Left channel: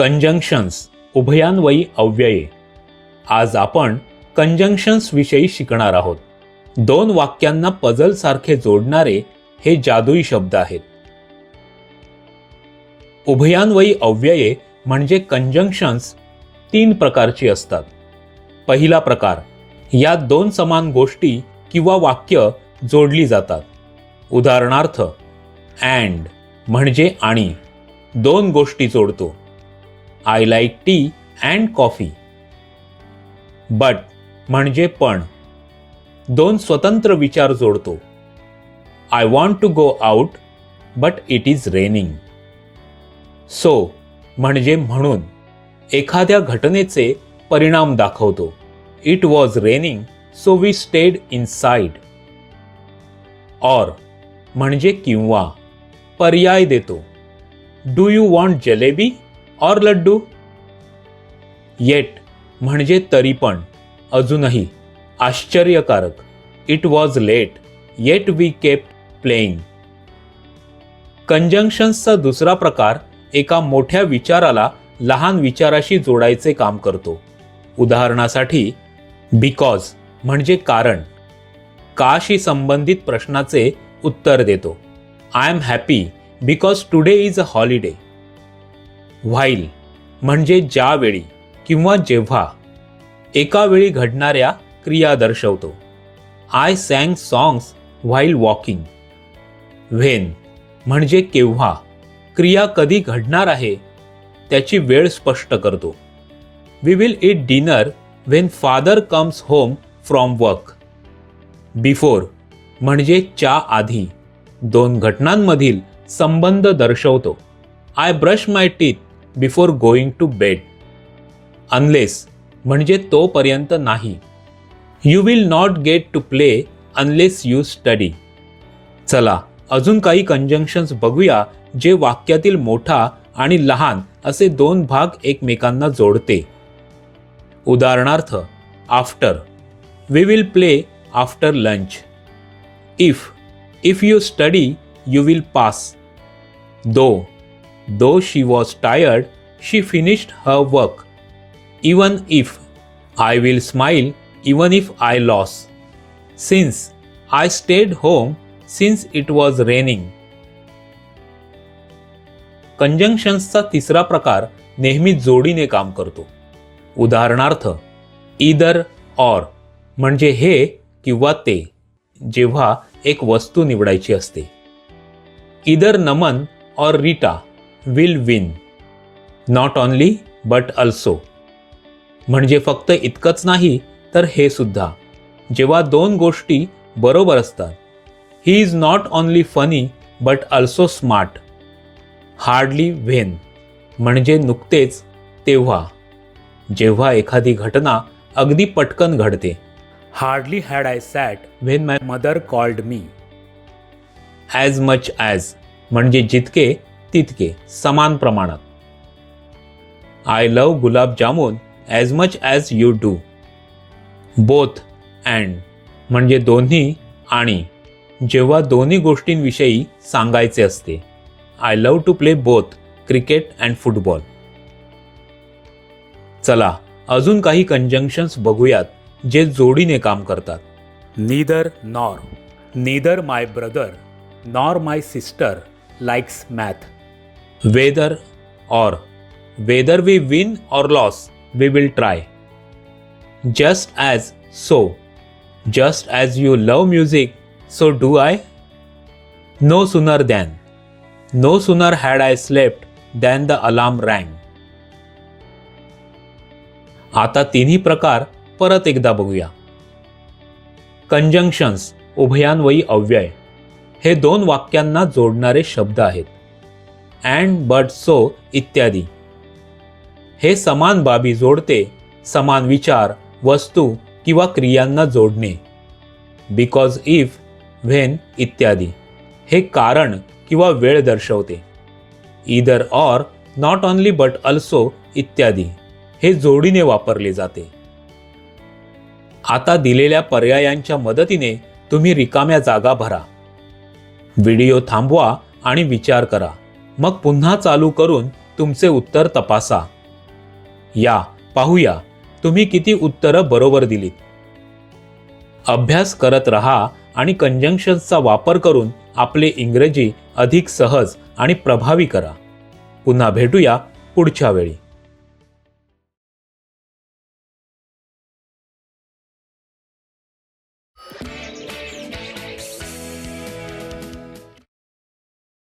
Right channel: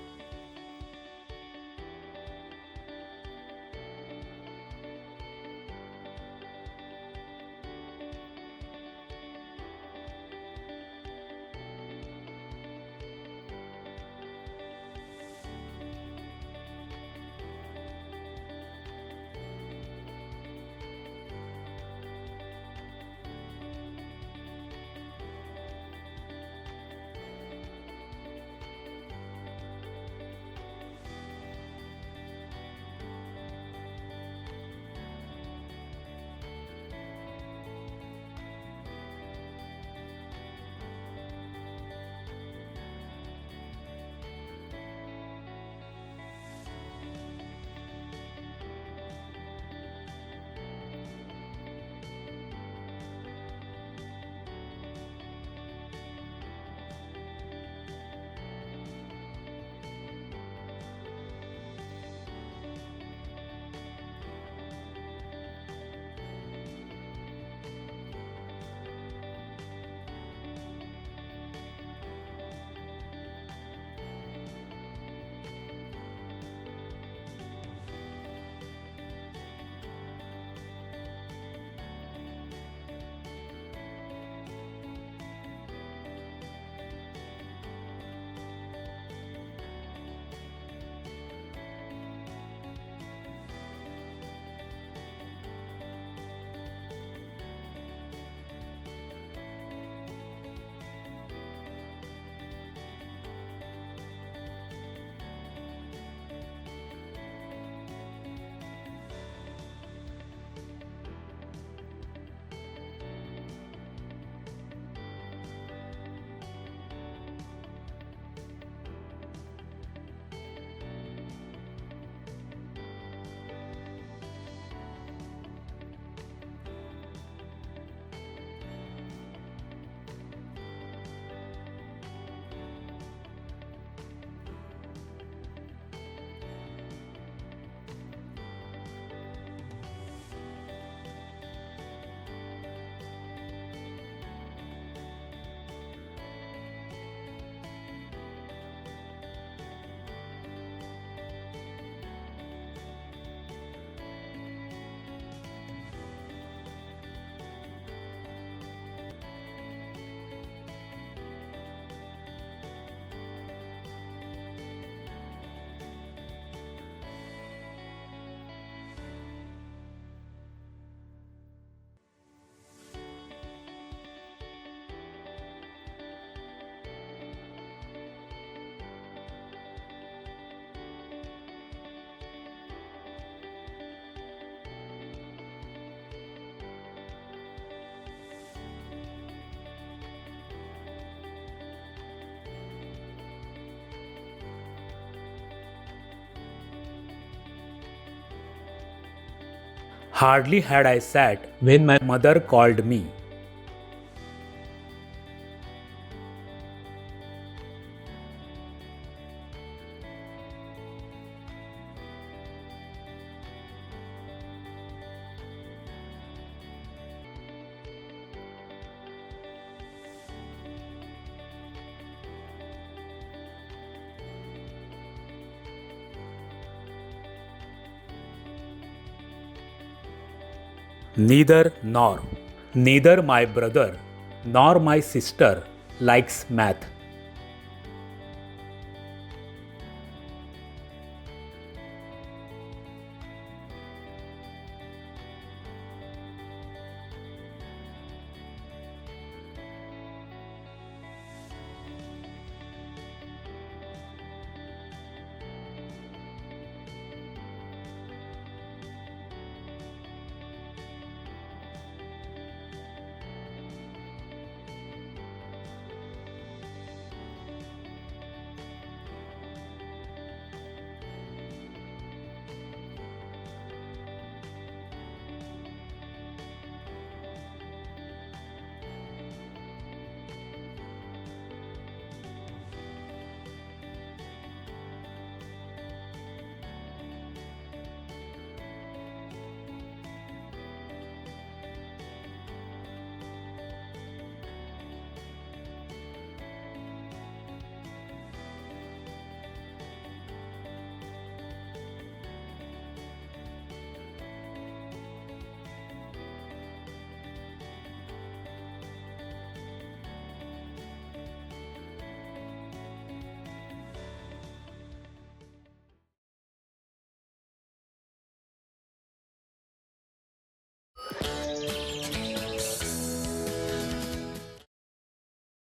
Conjunctions उभयान्वयी अव्यये. आज आपण conjunctions विषयी शिकणार आहोत. दोन वाक्यांना पझल सारखे जोडणारे हे जादुई शब्द आहेत. उभयान्वयी अव्यये म्हणजे कंजंक्शन्स तीन प्रकारची असतात. पहिला प्रकार, यात दोन समान गोष्टी किंवा वाक्य जोडली जातात. उदाहरणार्थ, अँड म्हणजे आणि, दोन गोष्टी जोडतो. I like tea and coffee. But म्हणजे पण, दोन स्वतंत्र विचार जोडतो. I want to go out but it is raining. So म्हणजे म्हणून, एखाद्या घटनेचे परिणाम दाखवतो. It was raining so we stayed inside. Or म्हणजे किंवा, पर्याय देतो. डू यू वॉन्ट जलेबी और लड्डू. येट म्हणजे तरी पण, अजूनही, आश्चर्यकारक. It was late yet we kept playing. कंजंक्शन्सचा दुसरा प्रकार एका मोठ्या विचाराला लहान विचाराशी जोडायचे काम करतो. उदाहरणासाठी, बिकॉज म्हणजे कारण, काशी संबंधित प्रश्नाचे उत्तर देतो. I am happy because today is a holiday. While म्हणजे ज्यावेळी किंवा जेव्हा, एका वेळी घडणाऱ्या क्रिया दर्शवतो. I sang songs while walking. When म्हणजे केव्हा, क्रिया कधी घडणार आहे त्याची वेळ स्पष्ट करतो. We will eat dinner when father comes home from work. Before म्हणजे च्या आधी, दोन घटनांमधील संबंध दर्शवतो. I brush my teeth before going to bed. Unless म्हणजे तोपर्यंत नाही. You will not get to play unless you study. चला अजून काही कंजंक्शन्स बघूया जे वाक्यातील मोठा आणि लहान असे दोन भाग एकमेकांना जोडते. उदाहरणार्थ, after, we will play after lunch. If you study you will pass. Though she was tired, she finished her work. Even if, I will smile even if I lost. Since, I stayed home since it was raining. कंजंक्शन्सचा तिसरा प्रकार नेहमी जोडीने काम करतो. उदाहरणार्थ, either or म्हणजे हे किंवा ते, जेव्हा एक वस्तू निवडायची असते. Either Naman or Rita will win. Not only but also म्हणजे फक्त इतकंच नाही तर हे सुद्धा, जेव्हा दोन गोष्टी बरोबर असतात. He is not only funny but also smart. Hardly when म्हणजे नुकतेच, तेव्हा, जेव्हा एखादी घटना अगदी पटकन घडते. Hardly had I sat when my mother called me. As much as म्हणजे जितके तितके, समान प्रमाणात. I love gulab jamun as much as you do. Both and म्हणजे दोन्ही आणि, जेव्हा दोन्ही गोष्टींविषयी सांगायचे असते. I love to play both cricket and football. चला अजून काही कंजंक्शन्स बघूयात जे जोडीने काम करतात. Neither nor. Neither my brother nor my sister likes math. Whether we win or lose, we will try. Just as you love music, so do I. No sooner had I slept than the alarm rang. आता तिन्ही प्रकार परत एकदा बघूया. Conjunctions उभयान्वयी अव्यय हे दोन वाक्यांना जोडणारे शब्द आहेत. अँड, बट, सो इत्यादी. हे समान बाबी जोडते, समान विचार, वस्तू किंवा क्रियांना जोडणे. बिकॉज, इफ, व्हेन इत्यादी. हे कारण किंवा वेळ दर्शवते. Either or, not only but also इत्यादी. हे जोडीने वापरले जाते. आता दिलेल्या पर्यायांच्या मदतीने तुम्ही रिकाम्या जागा भरा. व्हिडिओ थांबवा आणि विचार करा. मग पुन्हा चालू करून तुमचे उत्तर तपासा. या पाहूया तुम्ही किती उत्तरं बरोबर दिलीत. अभ्यास करत रहा आणि कंजंक्शन्सचा वापर करून आपले इंग्रजी अधिक सहज आणि प्रभावी करा. पुन्हा भेटूया पुढच्या वेळी.